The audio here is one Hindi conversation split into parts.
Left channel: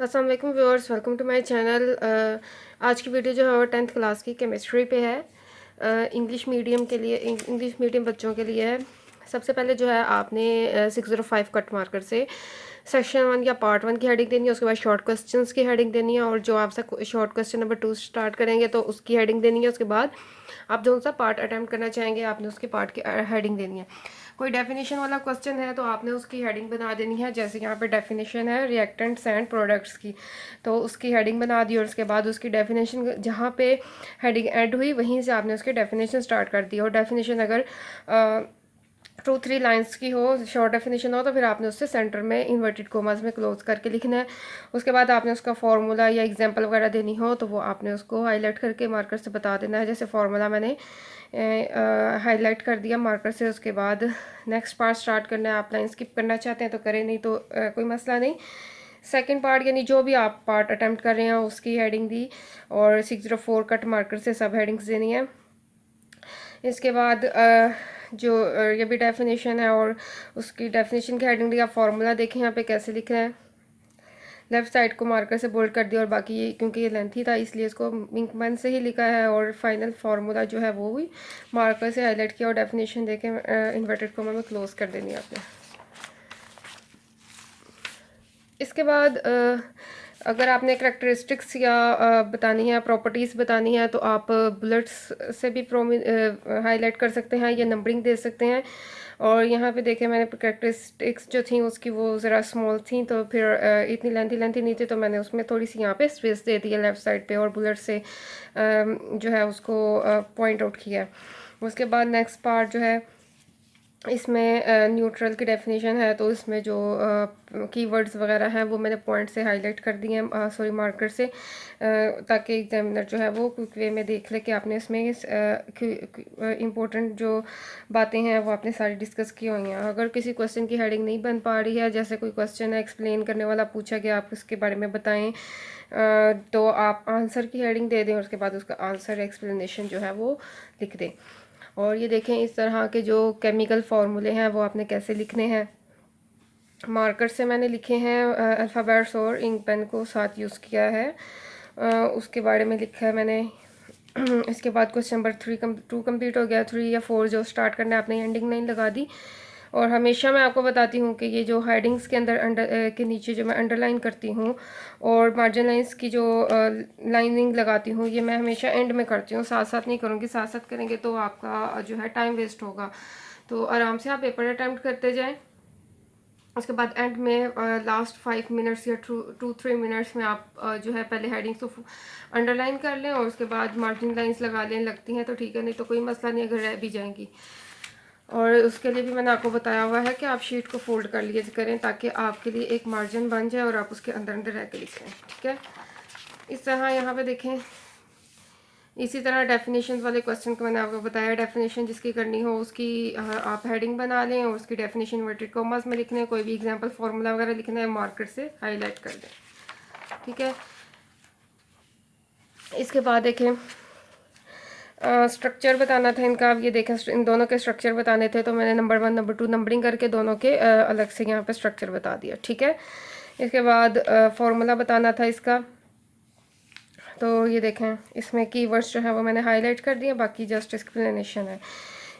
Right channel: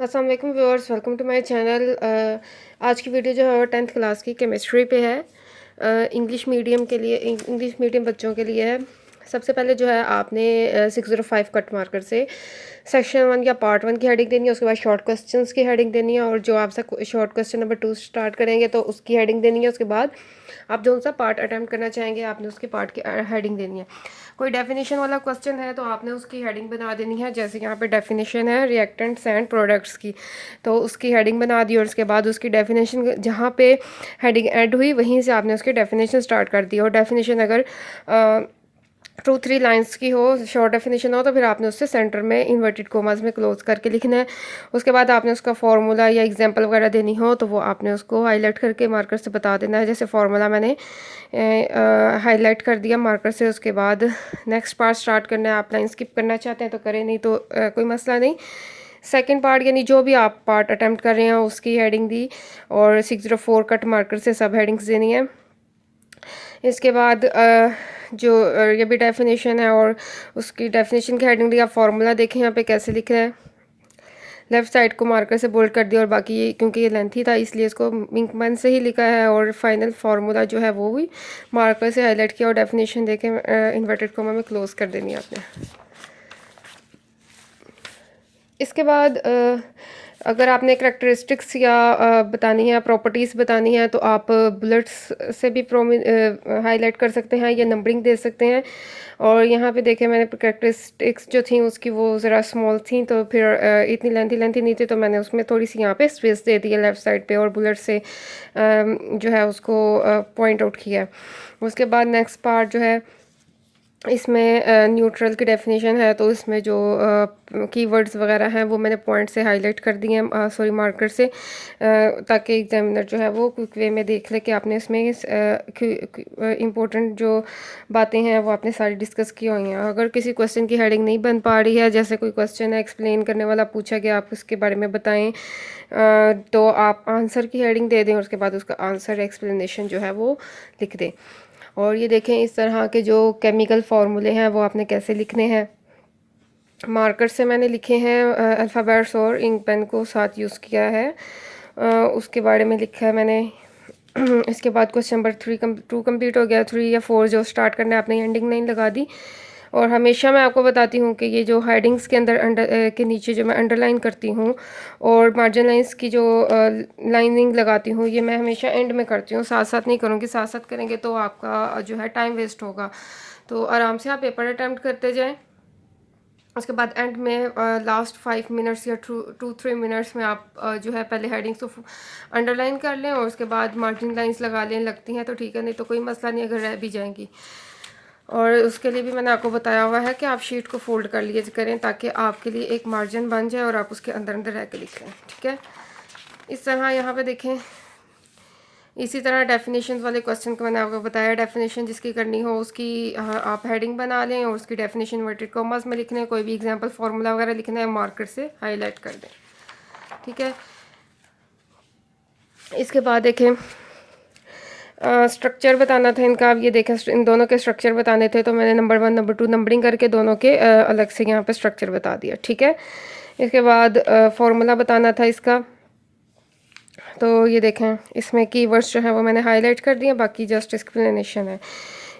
अस्सलाम वालेकुम viewers, welcome to my channel. आज की वीडियो जो है वो 10th क्लास की केमिस्ट्री पे है। इंग्लिश मीडियम के लिए, इंग्लिश मीडियम बच्चों के लिए है। सबसे पहले जो है आपने 605 कट मार्कर से सेक्शन 1 या पार्ट 1 की हेडिंग देनी है। उसके बाद शॉर्ट क्वेश्चंस की हेडिंग देनी है, और जो आपसे शॉर्ट क्वेश्चन नंबर 2 स्टार्ट करेंगे तो उसकी हेडिंग देनी है। उसके बाद आप जो सा पार्ट अटैम्प्ट करना चाहेंगे आपने उसके पार्ट की हेडिंग देनी है। कोई डेफिनेशन वाला क्वेश्चन है तो आपने उसकी हेडिंग बना देनी है। जैसे यहाँ पे डेफिनेशन है रिएक्टेंट्स एंड प्रोडक्ट्स की, तो उसकी हेडिंग बना दी और उसके बाद उसकी डेफिनेशन जहाँ पे हेडिंग ऐड हुई वहीं से आपने उसकी डेफिनेशन स्टार्ट कर दी। और डेफिनेशन अगर 2-3 लाइंस की हो, शॉर्ट डेफिनेशन हो, तो फिर आपने उससे सेंटर में इन्वर्टेड कोमास में क्लोज करके लिखना है। उसके बाद आपने उसका फार्मूला या एग्जांपल वगैरह देनी हो तो वो आपने उसको हाईलाइट करके मार्कर से बता देना है। जैसे फार्मूला मैंने हाईलाइट कर दिया मार्कर से। उसके बाद नेक्स्ट पार्ट स्टार्ट करना है। आप लाइन स्किप करना चाहते हैं तो करें, नहीं तो कोई मसला नहीं। सेकंड पार्ट यानी जो भी आप पार्ट अटैम्प्ट कर रहे हैं उसकी हेडिंग दी, और 604 कट मार्कर से सब हेडिंग्स देनी है। इसके बाद जो ये भी डेफिनेशन है और उसकी डेफिनेशन की हेडिंग दी। आप फार्मूला देखें यहाँ पे कैसे लिखा है। लेफ़्ट साइड को मार्कर से बोल्ड कर दिया, और बाकी ये क्योंकि ये लेंथी था इसलिए इसको इंक पेन से ही लिखा है। और फाइनल फार्मूला जो है वो भी मार्कर से हाईलाइट किया और डेफिनेशन देके इन्वर्टेड कोमा में क्लोज कर देनी है आपने। इसके बाद अगर आपने करेक्टरिस्टिक्स या बतानी है, प्रॉपर्टीज़ बतानी है, तो आप बुलेट्स से भी हाईलाइट कर सकते हैं या नंबरिंग दे सकते हैं। और यहाँ पे देखें मैंने करेक्टरिस्टिक्स जो थी उसकी वो ज़रा स्मॉल थी, तो फिर इतनी लेंथी नहीं थी, तो मैंने उसमें थोड़ी सी यहाँ पे स्पेस दे दी है लेफ़्ट साइड पे, और बुलेट से जो है उसको पॉइंट आउट किया। उसके बाद नेक्स्ट पार्ट जो है इसमें न्यूट्रल की डेफिनेशन है, तो इसमें जो कीवर्ड्स वगैरह हैं वो मैंने पॉइंट से हाईलाइट कर दिए हैं, सॉरी मार्कर से, ताकि एग्जामिनर जो है वो क्विक वे में देख ले कि आपने इसमें इम्पोर्टेंट जो बातें हैं वो आपने सारी डिस्कस की हुई हैं। अगर किसी क्वेश्चन की हेडिंग नहीं बन पा रही है, जैसे कोई क्वेश्चन है एक्सप्लेन करने वाला पूछा गया, आप उसके बारे में बताएं, तो आप आंसर की हेडिंग दे दें और उसके बाद उसका आंसर एक्सप्लेनेशन जो है वो लिख दें। और ये देखें इस तरह के जो केमिकल फार्मूले हैं वो आपने कैसे लिखने हैं। मार्कर से मैंने लिखे हैं, अल्फ़ाबेट्स और इंक पेन को साथ यूज़ किया है। उसके बारे में लिखा है मैंने। इसके बाद क्वेश्चन नंबर 2 कंप्लीट हो गया। 3 या 4 जो स्टार्ट करना है आपने एंडिंग लाइन लगा दी। और हमेशा मैं आपको बताती हूँ कि ये जो हेडिंग्स के अंदर के नीचे जो मैं अंडरलाइन करती हूँ और मार्जिन लाइंस की जो लाइनिंग लगाती हूँ, ये मैं हमेशा एंड में करती हूँ, साथ साथ नहीं करूँगी। साथ साथ करेंगे तो आपका जो है टाइम वेस्ट होगा। तो आराम से आप पेपर अटैम्प्ट करते जाएँ। उसके बाद एंड में लास्ट 5 मिनट्स या 2-3 मिनट्स में आप जो है पहले हेडिंग्स को अंडरलाइन कर लें और उसके बाद मार्जिन लाइंस लगा लें। लगती हैं तो ठीक है, नहीं तो कोई मसला नहीं अगर रह भी जाएंगी। और उसके लिए भी मैंने आपको बताया हुआ है कि आप शीट को फोल्ड कर लिए करें ताकि आपके लिए एक मार्जिन बन जाए और आप उसके अंदर अंदर रह के लिख लें। ठीक है, इस तरह यहाँ पे देखें। इसी तरह डेफिनेशन वाले क्वेश्चन को मैंने आपको बताया। डेफिनेशन जिसकी करनी हो उसकी आप हेडिंग बना लें और उसकी डेफिनेशन इन्वर्टेड कॉमास में लिखना है। कोई भी एग्जांपल फार्मूला वगैरह लिखना है मार्कर से हाईलाइट कर दें। ठीक है, इसके बाद देखें स्ट्रक्चर बताना था इनका। अब ये देखें इन दोनों के स्ट्रक्चर बताने थे, तो मैंने नंबर 1 नंबर 2 नंबरिंग करके दोनों के अलग से यहाँ पे स्ट्रक्चर बता दिया। ठीक है, इसके बाद फार्मूला बताना था इसका। तो ये देखें इसमें कीवर्ड्स जो है वो मैंने हाईलाइट कर दिए, बाकी जस्ट एक्सप्लेनेशन है।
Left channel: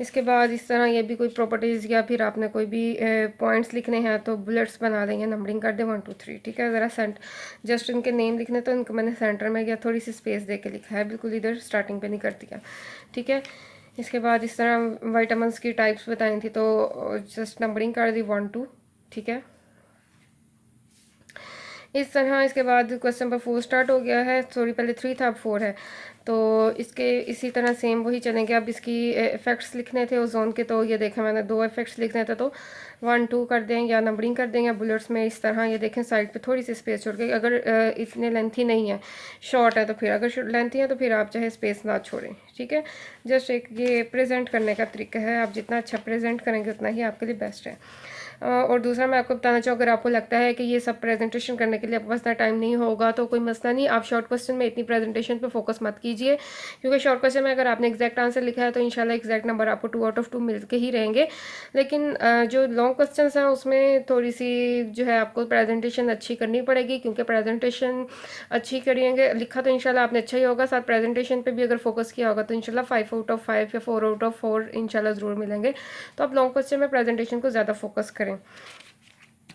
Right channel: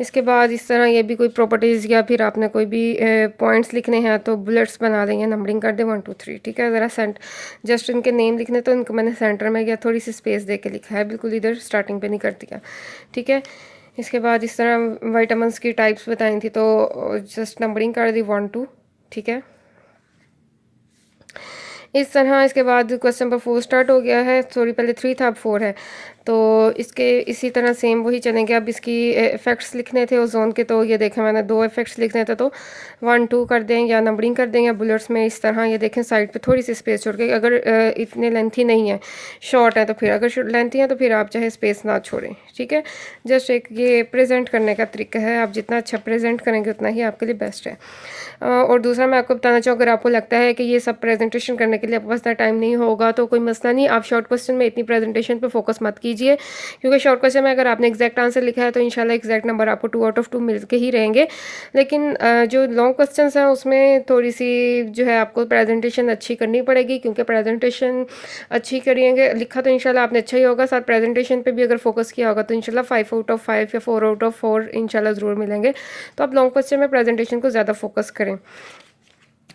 इसके बाद इस तरह ये भी कोई प्रॉपर्टीज़ या फिर आपने कोई भी पॉइंट्स लिखने हैं तो बुलेट्स बना देंगे, नंबरिंग कर दें 1 2 3। ठीक है, ज़रा जस्ट इनके नेम लिखने तो इनको मैंने सेंटर में या थोड़ी सी स्पेस दे के लिखा है, बिल्कुल इधर स्टार्टिंग पे नहीं कर दिया। ठीक है, इसके बाद इस तरह वाइटामिन्स की टाइप्स बताई थी तो जस्ट नंबरिंग कर दी 1 2। ठीक है, इस तरह इसके बाद क्वेश्चन नंबर 4 स्टार्ट हो गया है। सॉरी, पहले 3 था अब 4 है, तो इसके इसी तरह सेम वही चलेंगे। अब इसकी इफ़ेक्ट्स लिखने थे ओजोन के, तो ये देखें मैंने 2 इफ़ेक्ट्स लिखने थे, तो 1 2 कर दें या नंबरिंग कर दें या बुलेट्स में इस तरह। ये देखें साइड पे थोड़ी सी स्पेस छोड़ के, अगर इतने लेंथी नहीं है, शॉर्ट है, तो फिर अगर लेंथी है तो फिर आप चाहे स्पेस ना छोड़ें। ठीक है, जस्ट एक ये प्रेजेंट करने का तरीका है, आप जितना अच्छा प्रेजेंट करेंगे उतना ही आपके लिए बेस्ट है। और दूसरा मैं आपको बताना चाहूँ, अगर आपको लगता है कि ये सब प्रेजेंटेशन करने के लिए आपके पास इतना टाइम नहीं होगा तो कोई मसला नहीं, आप शॉर्ट क्वेश्चन में इतनी प्रेजेंटेशन पे फोकस मत कीजिए, क्योंकि शॉर्ट क्वेश्चन में अगर आपने एग्जैक्ट आंसर लिखा है तो इंशाल्लाह एग्जैक्ट नंबर आपको 2 आउट ऑफ 2 मिल के ही रहेंगे। लेकिन जो लॉन्ग क्वेश्चन हैं उसमें थोड़ी सी जो है आपको प्रेजेंटेशन अच्छी करनी पड़ेगी, क्योंकि प्रेजेंटेशन अच्छी करेंगे, लिखा तो इंशाल्लाह आपने अच्छा ही होगा, साथ प्रेजेंटेशन पे भी अगर फोकस किया होगा तो इंशाल्लाह 5 आउट ऑफ 5 या 4 आउट ऑफ 4 इंशाल्लाह ज़रूर मिलेंगे। तो आप लॉन्ग क्वेश्चन में प्रेजेंटेशन को ज़्यादा फोकस करें।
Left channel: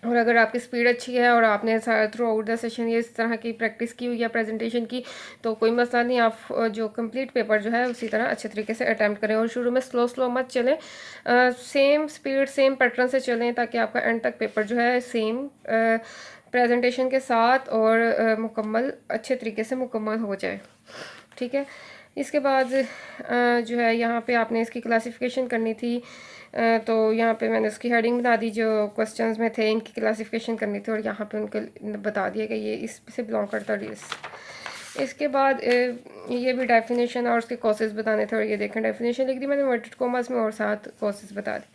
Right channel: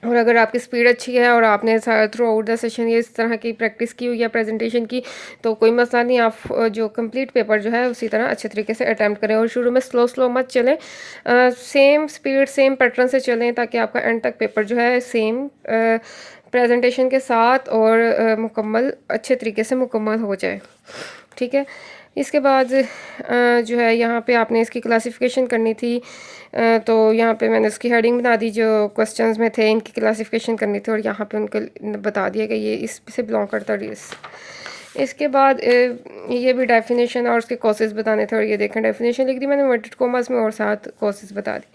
और अगर आपकी स्पीड अच्छी है और आपने थ्रू आउट द सेशन ये इस तरह की प्रैक्टिस की हुई है प्रेजेंटेशन की, तो कोई मसला नहीं, आप जो कंप्लीट पेपर जो है उसी तरह अच्छे तरीके से अटैम्प्ट करें। और शुरू में स्लो स्लो मत चलें, सेम स्पीड सेम पैटर्न से चलें, ताकि आपका एंड तक पेपर जो है सेम प्रेजेंटेशन के साथ और मुकम्मल अच्छे तरीके से मुकम्मल हो जाए। ठीक है, इसके बाद जो है यहाँ पे आपने इसकी क्लासिफिकेशन करनी थी, तो यहाँ पे मैंने उसकी हेडिंग बना दी, जो क्वेश्चंस में थे इनकी क्लासिफिकेशन करनी थी और यहाँ पे उनको बता दिया कि ये इससे बिलोंग करता है। इसके बाद ये भी डेफिनेशन और उसके कॉसेस बताने थे, और ये देखें डेफिनेशन लिख दी मैंने इन्वर्टेड कॉमर्स में और साथ कॉसेस बता दी।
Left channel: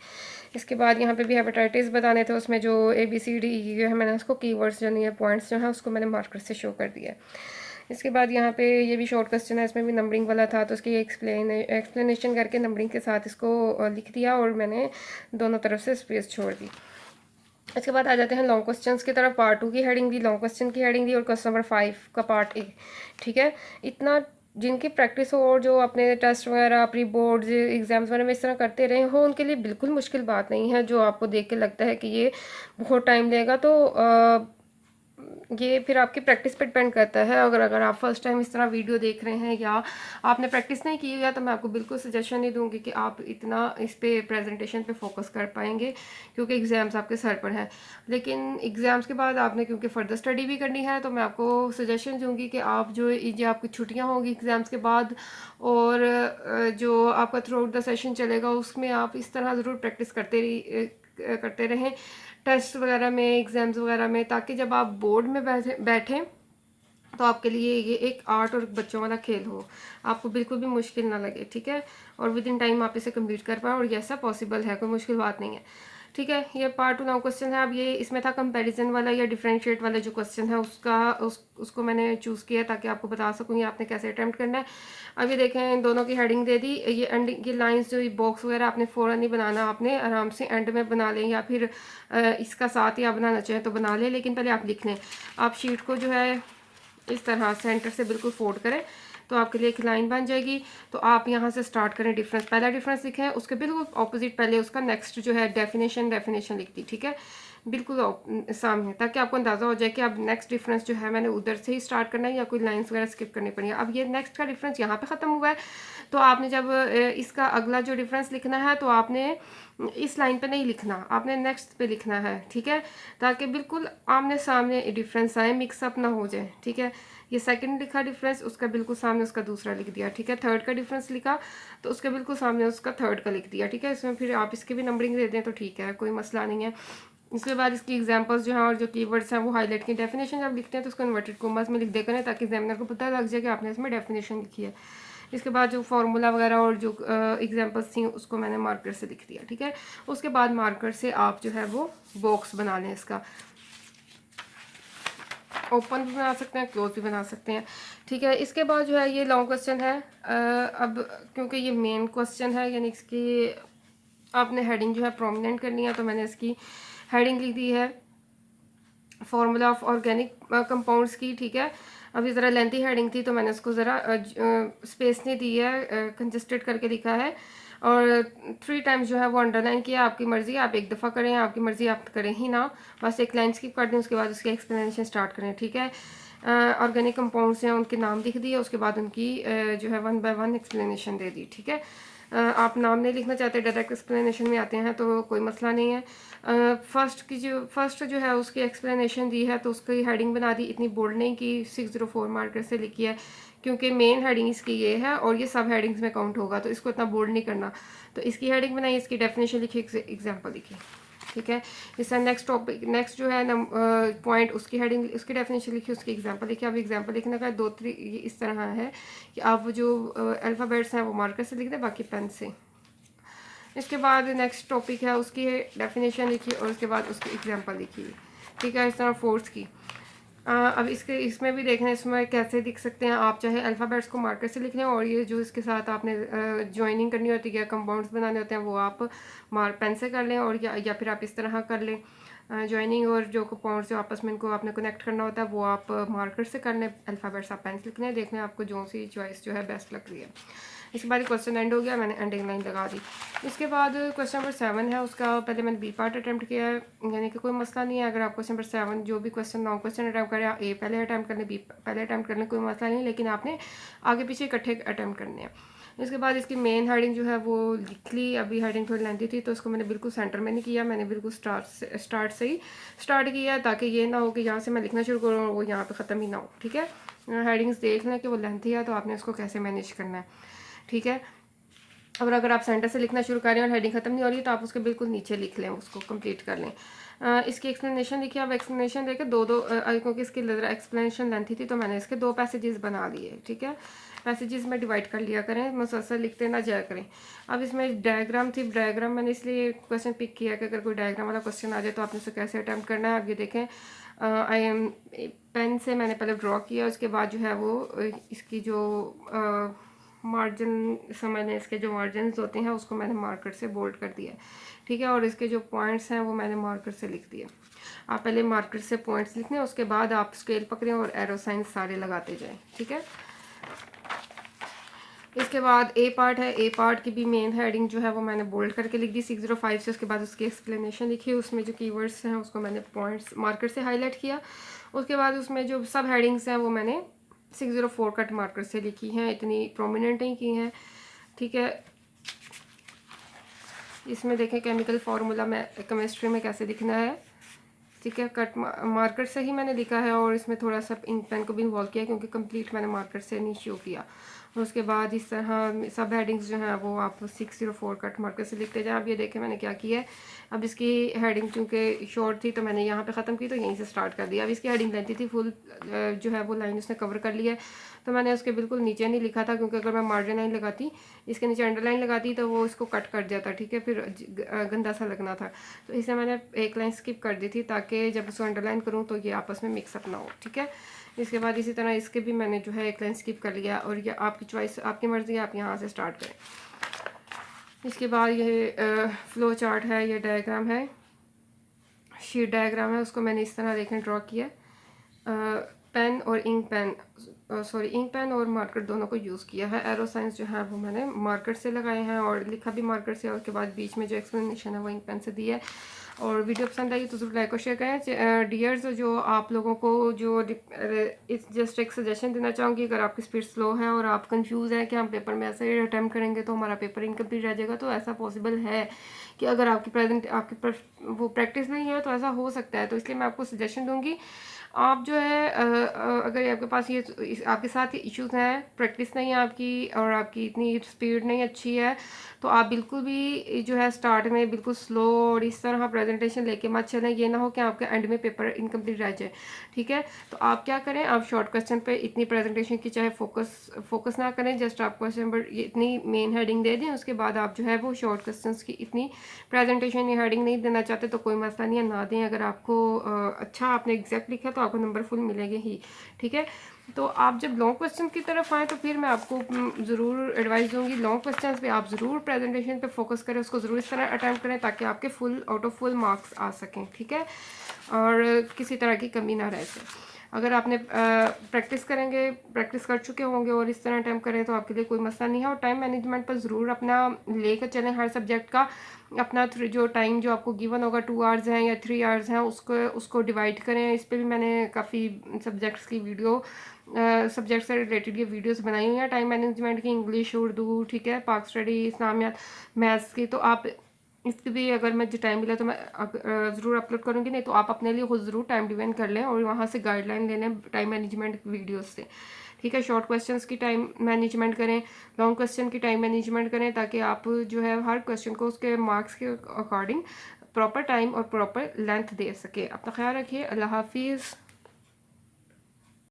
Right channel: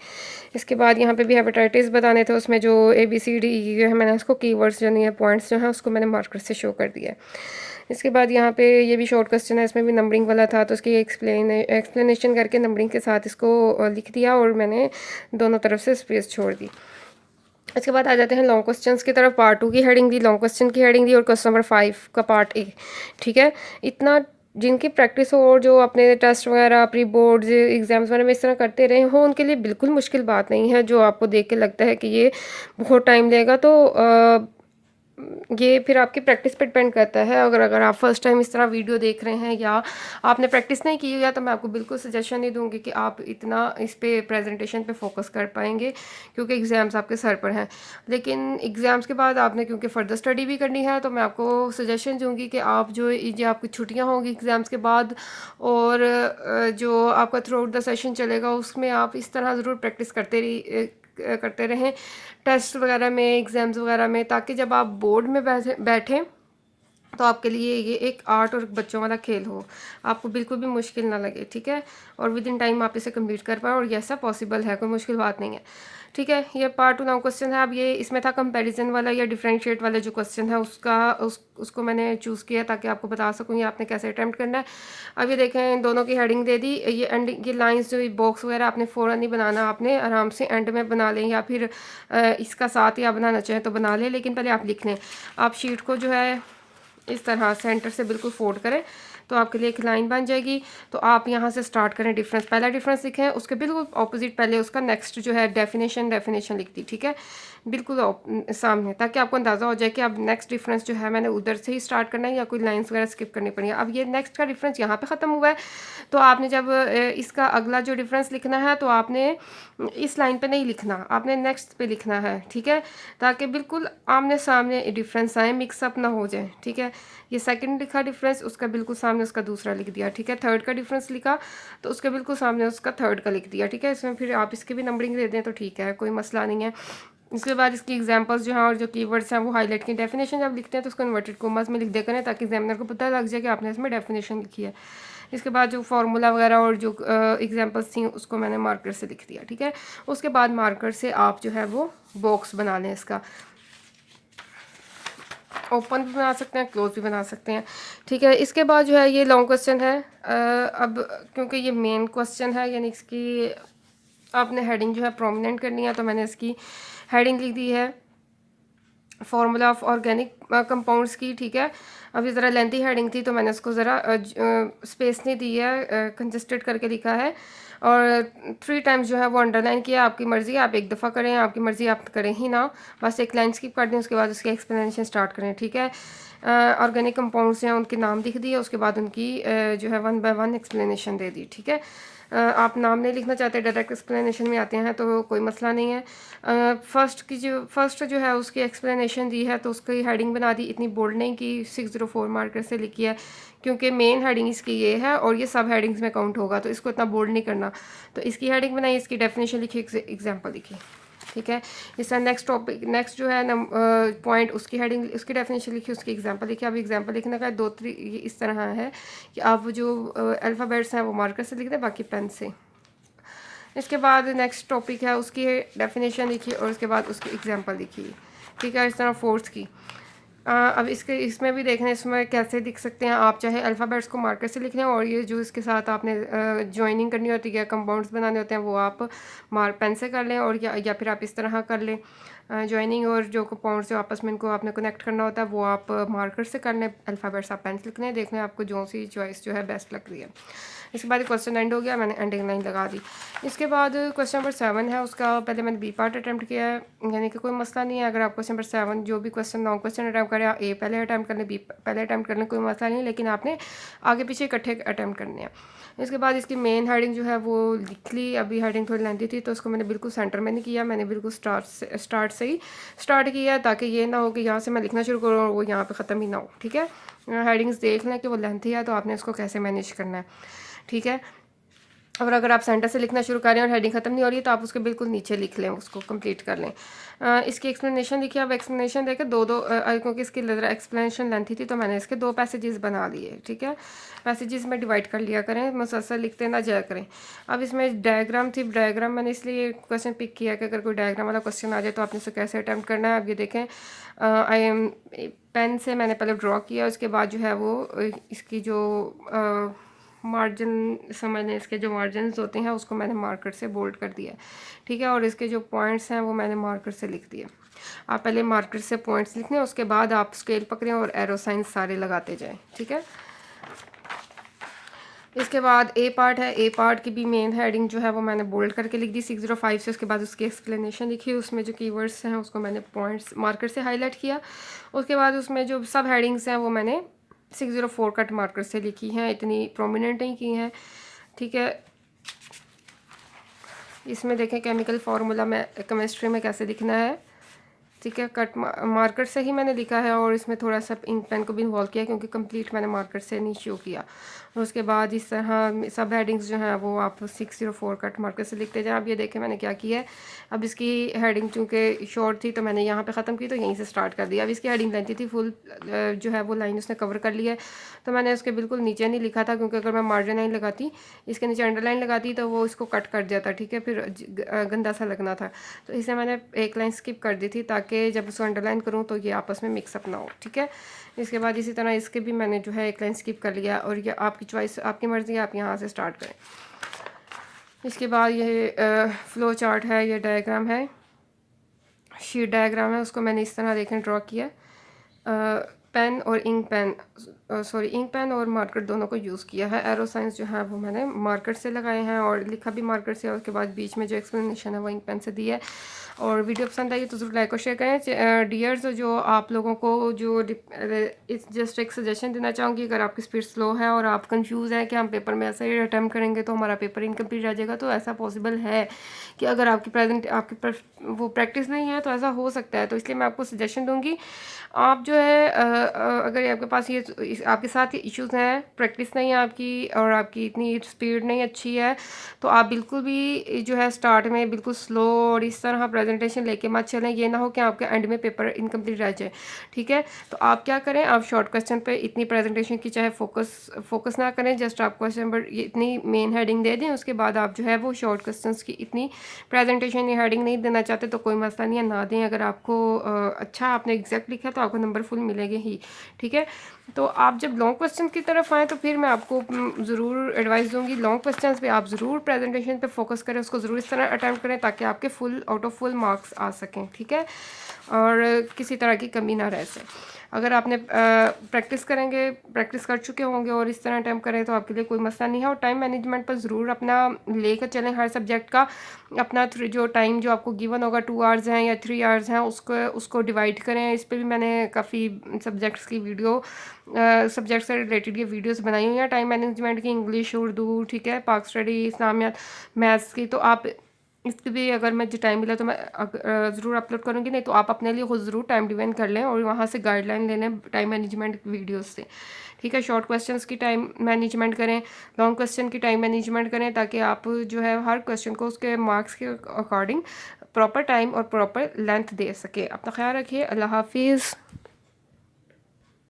इसके बाद यहाँ पे भी हेपेटाइटिस बताने थे, उसमें जो ABCD जो है मैंने उसको कीवर्ड्स जो नहीं है पॉइंट्स जो हैं उसको मैंने मार्कर से शो कर दिया है। इसके बाद यहाँ पे ये भी शॉर्ट क्वेश्चन है, इसमें भी नंबरिंग वाला था, तो उसकी एक्सप्लेनेशन करके नंबरिंग के साथ इसको लिख दिया और मैंने दोनों तरफ से स्पेस छोड़ दी। इसके बाद आ जाते हैं लॉन्ग क्वेश्चंस की तरफ। पार्ट 2 की हेडिंग दी, लॉन्ग क्वेश्चन की हेडिंग दी और क्वेश्चन नंबर 5 का पार्ट 1। ठीक है, इतना जिनकी प्रैक्टिस हो और जो अपने टेस्ट वगैरह प्री बोर्ड्स एग्जाम्स वगैरह में इस तरह करते रहे हो, उनके लिए बिल्कुल मुश्किल बात नहीं है। जो आपको देख के लगता है कि ये बहुत टाइम लेगा, तो ये फिर आपकी प्रैक्टिस पर डिपेंड करता है। अगर आप फर्स्ट टाइम इस तरह वीडियो देख रहे हैं या आपने प्रैक्टिस नहीं की है, तो मैं आपको बिल्कुल सजेशन नहीं दूंगी कि आप इतना इस पे प्रेजेंटेशन पे फोकस कर पाएंगे, क्योंकि एग्ज़ाम्स आपके सर पर हैं। लेकिन एग्ज़ाम्स के बाद आपने क्योंकि फ़र्दर स्टडी भी करनी है, तो मैं आपको सजेशन दूंगी कि आप जो आपकी छुट्टियाँ होंगी एग्ज़ाम्स के बाद और जो आपका थ्रू आउट द सेशन चलेगा, उसमें आप इस तरह ज़रूर प्रैक्टिस करते रहें टेस्ट वगैरह में, एग्ज़ाम्स वगैरह में, ताकि जब आप बोर्ड में बैठें तो आपके लिए ये एक आर्ट और बच्चों वाला खेल हो, आपको बिल्कुल भी मुश्किल ना लगे। ठीक है, और विद इन टाइम आप इसे कंप्लीट कर पाए, और ये ऐसा पॉसिबल है, कोई मुश्किल बात नहीं है। ठीक है, ये पार्ट 2 नाउ क्वेश्चन है। अब ये इसमें था कंपैरिजन वाला या डिफरेंशिएट वाला जो क्वेश्चन है उसको मैंने चूज़ किया ताकि आपको बता सकूँ ये आपने कैसे अटैम्प्ट करना है। अब ये देखें, इन दोनों की हेडिंग दे दी, ये एंड ये लाइंस जो बॉक्स वगैरह आपने फ़ौरन नहीं बनाना, आपने आराम से एंड में बना लें, या फिर इसका साथ ही आप बनाना चाहें तो बना लें, लेकिन पहले आप लिख लें। आप शीट को जो है इस तरह सेंटर से बिल्कुल फोल्ड करें तो आपके लिए एक लाइन बन जाएगी। तो आप यहाँ से स्टार्ट करें, डिफरेंस पहला डिफरेंस लिखें, उसके बिल्कुल ऑपोजिट पहले उसका नेक्स्ट जो है डेफिनेशन लिख दी। ठीक है, बिल्कुल सामने, ताकि आपको अंदाज़ा हो जाए कि अब नेक्स्ट डिफरेंस जो है मैंने उधर से ही स्टार्ट करना है या कोई लाइंस वगैरह स्किप करनी पड़ी है। अब ये नेक्स्ट का डिफरेंस यहाँ पे ख़त्म हुआ है, तो आपने जब इसका अगला जो डिफरेंस लिखना है तो आपने इस लाइन पे नहीं लिखना, आपने नेक्स्ट पे लिखना है। ठीक है, ताकि बिल्कुल आमने सामने डिफरेंस आए, मिक्सअप ना हो जाए। ठीक है, ये सेकंड लिखा डिफरेंस, उसका बिल्कुल सामने उसका दूसरा लिख दिया। ठीक है, थर्ड का डिफरेंस लिखा तो उसके बिल्कुल सामने उसका थर्ड का लिख दिया। ठीक है, इसमें फिर आप इसकी भी नंबरिंग दे दें तो ठीक है, कोई मसला नहीं है। इसके बाद इसकी एग्जांपल्स जो हैं और जो कीवर्ड्स हैं वो हाईलाइट की, डेफिनेशन जब लिखते हैं तो उसको इन्वर्टेड कॉमास में लिख दे करें, ताकि एग्जामिनर को पता लग जाए कि आपने इसमें डेफिनेशन लिखी है। इसके बाद जो फार्मूला वगैरह और जो एग्जांपल्स थी उसको मैंने मार्कर से लिख दिया। ठीक है, उसके बाद मार्कर से आप जो है वो बॉक्स बना लें, इसका ओपन भी बना सकते हैं, क्लोज भी बना सकते हैं। ठीक है, इसके बाद जो है ये लॉन्ग क्वेश्चन है। अब क्योंकि ये मेन क्वेश्चन है, यानी इसकी आपने हेडिंग जो है प्रोमिनेंट करनी है, तो मैंने इसकी हेडिंग लिख दी है फार्मूला ऑफ ऑर्गेनिक कंपाउंड्स की। ठीक है, अभी ज़रा लेंथी हेडिंग थी तो मैंने उसको ज़रा स्पेस नहीं दी है, कंजस्टेड करके लिखा है, और 3 टाइम्स जो है वो अंडरलाइन किया। आपकी मर्ज़ी, आप एक दफ़ा करें, आपकी मर्ज़ी आप करें ही ना, बस एक लाइन स्किप कर दें, उसके बाद उसकी एक्सप्लेनेशन स्टार्ट करें। ठीक है, ऑर्गेनिक कंपाउंड्स हैं उनके नाम लिख दिए, उसके बाद उनकी जो है 1 बाय 1 एक्सप्लेनेशन दे दी। ठीक है, आप नाम नहीं लिखना चाहते, डायरेक्ट एक्सप्लेनेशन में आते हैं तो कोई मसला नहीं है। फर्स्ट जो है उसकी एक्सप्लेनेशन दी है तो उसकी हेडिंग बना दी, इतनी बोल्ड नहीं की, 604 मार्कर से लिखी है, क्योंकि मेन हेडिंग इसकी ये है और ये सब हेडिंग्स में काउंट होगा, तो इसको इतना बोल्ड नहीं करना। तो इसकी हेडिंग बनाई, इसकी डेफिनेशन लिखी, एग्जाम्पल लिखी। ठीक है, इसका नेक्स्ट टॉपिक, नेक्स्ट जो है पॉइंट, उसकी हेडिंग, उसकी डेफिनेशन लिखी, उसकी एग्जांपल लिखी। अब एग्जांपल लिखने का 2-3 इस तरह है कि आप जो अल्फ़ाबेट्स हैं वो मार्कर से लिख दें, बाकी पेन से। इसके बाद नेक्स्ट टॉपिक है, उसकी डेफिनेशन लिखी और उसके बाद उसकी एग्जांपल लिखी। ठीक है, इस तरह फोर्स की। अब इसमें भी देखना है इसमें कैसे लिख सकते हैं आप, चाहे अल्फ़ाबेट्स को मार्कर से लिख लें और ये जो इसके साथ आपने जॉइनिंग करनी होती है, कंपाउंड्स बनाने होते हैं, वो आप पेन से कर लें, और या फिर आप इस तरह कर लें। जॉइनिंग और जो कंपाउंड्स जो आपस में इनको आपने कनेक्ट करना होता है वो आप मार्कर से कर लें, अल्फ़ाबेट्स आप पेन से लिख लें। देखना है आपको जो सी चॉइस जो है बेस्ट लग रही है। इसके बाद क्वेश्चन एंड हो गया, मैंने एंडिंग लाइन लगा दी। इसके बाद क्वेश्चन नंबर 7 है, उसका पहले मैंने बी पार्ट अटैम्प्ट किया है, यानी कि कोई मसला नहीं है। अगर आप क्वेश्चन नंबर 7 जो भी क्वेश्चन लॉन्ग क्वेश्चन अटैम्प्ट करें, ए पहले अटैम्प्ट कर लें, बी पहले अटैम्प्ट कर लें, कोई मसला नहीं, लेकिन आपने आगे पीछे इकट्ठे अटैम्प्ट करने हैं। इसके बाद इसकी मेन हेडिंग जो है वो लिख ली। अभी हेडिंग थोड़ी लेंथी थी तो उसको मैंने बिल्कुल सेंटर में नहीं किया, मैंने बिल्कुल स्टार्ट से ही स्टार्ट किया, ताकि ये ना हो कि यहाँ से मैं लिखना शुरू करूँ और वो यहाँ पे ख़त्म ही ना हो। ठीक है, हेडिंग्स देख लें कि वो लेंथी है तो आपने उसको कैसे मैनेज करना है। ठीक है, और अगर आप सेंटर से लिखना शुरू करें और हेडिंग ख़त्म नहीं हो रही तो आप उसके बिल्कुल नीचे लिख लें, उसको कंप्लीट कर लें। इसकी एक्सप्लेनेशन लिखी, अब एक्सप्लेनेशन देकर क्योंकि इसकी एक्सप्लेनेशन लेंथी थी तो मैंने इसके 2 पैसेजेस बना लिए। ठीक है, पैसेजेस में डिवाइड कर लिया करें, मुसलसल लिखते ना जाया करें। अब इसमें डायग्राम थी, डायग्राम मैंने इसलिए क्वेश्चन पिक किया कि अगर कोई डायग्राम वाला क्वेश्चन आ जाए तो आपने उसे कैसे अटैम्प्ट करना है। अब ये देखें, आई एम पेन से मैंने पहले ड्रॉ किया, उसके बाद जो है वो इसकी जो मार्जिन समझने, इसके जो मार्जिन होते हैं उसको मैंने मार्कर से बोल्ड कर दिया। ठीक है, और इसके जो पॉइंट्स हैं वो मैंने मार्कर से लिख दिए। आप पहले मार्कर से पॉइंट्स लिख लें, उसके बाद आप स्केल पकड़ें और एरो साइन सारे लगाते जाएं। ठीक है, इसके बाद ए पार्ट है, ए पार्ट की भी मेन हेडिंग जो है वो मैंने बोल्ड करके लिख दी 605 से। उसके बाद उसकी एक्सप्लेनेशन लिखी, उसमें जो कीवर्ड्स हैं उसको मैंने पॉइंट्स मार्कर से हाईलाइट किया। उसके बाद उसमें जो सब हेडिंग्स हैं वो मैंने 604 कट मार्कर से लिखी हैं, इतनी प्रोमिनेंट नहीं की हैं। ठीक है, इसमें देखें केमिकल फार्मूला में केमिस्ट्री में कैसे लिखना है। ठीक है, कट मार्कर से ही मैंने लिखा है और इसमें थोड़ा सा इंक पेन को भी इन्वॉल्व किया क्योंकि कंप्लीट मैंने मार्कर से नहीं शो किया। और उसके बाद इस तरह सब हेडिंग्स जो हैं वो आप 604 कट मार्कर से लिखते जाएं। अब ये देखें मैंने क्या किया है, अब इसकी हेडिंग चूँकि शॉर्ट थी तो मैंने यहाँ पे ख़त्म की तो यहीं से स्टार्ट कर दिया। अब इसकी हेडिंग लेंथी थी, फुल जो है वो लाइन उसने कवर कर लिया है, तो मैंने उसके बिल्कुल नीचे नहीं लिखा था क्योंकि अगर मैं मार्जिन लाइन लगाती, इसके नीचे अंडरलाइन लगाती तो वो इसको कट कर जाता। ठीक है, फिर गंदा सा लगना था, तो इसे मैंने एक लाइन स्किप कर दी थी ताकि जब उसको अंडरलाइन करूँ तो ये आपस में मिक्सअप ना हो। ठीक है, इसके बाद इसी तरह इसके भी मैंने जो है एक लाइन स्किप कर लिया, और ये आपकी चॉइस, आपकी मर्ज़ी है, आप यहाँ से स्टार्ट करें। इसके बाद ये फ्लो चार्ट है, ये डायग्राम है, शीट डायग्राम है, उसको मैंने इस तरह देखें ड्रॉ किया। पेन और इंक पेन इंक पेन और मार्कर दोनों को यूज़ किया है। एरो साइंस जो है वो मैंने मार्कर से लगाए हैं और लिखा भी मार्कर से, और उसके बाद बीच में जो एक्सप्लेनेशन है वो इंक पेन से दी है। और वीडियो पसंद आई तो ज़रूर लाइक और शेयर करें। डियर्स, जो आप लोगों को जो जस्ट एक सजेशन देना चाहूँगी, अगर आपकी स्पीड स्लो है और आप कंफ्यूज हैं कि हम पेपर में ऐसे ही अटैम्प्ट करेंगे तो हमारा पेपर इनकम्प्लीट रह जाएगा, तो ऐसा पॉसिबल है कि अगर आपकी वो प्रैक्टिस नहीं है तो ऐसा हो सकता है। तो इसलिए मैं आपको सजेशन दूंगी, आप जो है अगर आपके पास ये आपके साथ ये इश्यूज़ हैं, प्रैक्टिस नहीं है आपकी और आपकी इतनी स्पीड नहीं अच्छी है, तो आप बिल्कुल भी जो है स्टार्ट में बिल्कुल स्लो और इस तरह प्रेजेंटेशन लेके मत चलें। ये ना हो कि आपके एंड में पेपर इनकम्प्लीट रह जाए। ठीक है, तो आप क्या करें, आप शॉर्ट क्वेश्चन पे इतनी प्रेजेंटेशन की चाहे फोकस ना करें, जस्ट आप क्वेश्चन पर ये इतनी मेन हेडिंग दे दें, उसके बाद आप जो है वो शॉर्ट क्वेश्चन की इतनी प्रेजेंटेशन या हेडिंग नहीं देना चाहते तो कोई मसला नहीं है, ना दें। अगर आपको अच्छा आपने एग्जैक्ट लिखा तो आपको नंबर फुल मिलेंगे ही। ठीक है, तो आप जब लॉन्ग क्वेश्चन की तरफ आएँ तो फिर मैं आपको ज़रूर एडवाइस दूंगी, लॉन्ग क्वेश्चंस पे आप ज़रूर प्रेजेंटेशन पे फोकस करें, उसको ज़रूर इस तरह अटैम्प्ट करें ताकि आपके full out of full marks आ सकें। ठीक है, और किसी तरह की कमी ना रह सके। अगर आपने प्रैक्टिस करेंगे, प्रैक्टिस कर चुके होंगे और इस तरह अटैम्प्ट करें तो आपके लिए कोई मसला नहीं है। और टाइम मैनेजमेंट पर ज़रूर अपना लेकर चलें, हर सब्जेक्ट का अपना जो टाइम जो आपको गिवन होगा 2 आवर्स हैं या 3 आवर्स हैं, उसको डिवाइड करें। इस पर भी मैंने काफ़ी सब्जेक्ट्स की सब्जेक्ट से रिलेटेड ये वीडियोस बनाई हुई हैं, टाइम मैनेजमेंट की, इंग्लिश, उर्दू, ठीक है, पाक स्टडी, इस्लामियात, मैथ्स की। तो आप इसके भी अगर मुझे टाइम मिला तो मैं ज़रूर अपलोड करूँगी, नहीं तो आप अपने लिए खुद ज़रूर टाइम डिवाइड कर लें और वहाँ से गाइडलाइन ले लें टाइम मैनेजमेंट वीडियोस से। ठीक है, शॉर्ट क्वेश्चंस की टाइम मैनेजमेंट करें, लॉन्ग क्वेश्चन की टाइम मैनेजमेंट करें, ताकि आप जो है हर क्वेश्चन को उसके मार्क्स के अकॉर्डिंग प्रॉपर टाइम और प्रॉपर लेंथ दे सके। अपना ख्याल रखिए, अल्लाह हाफिज़।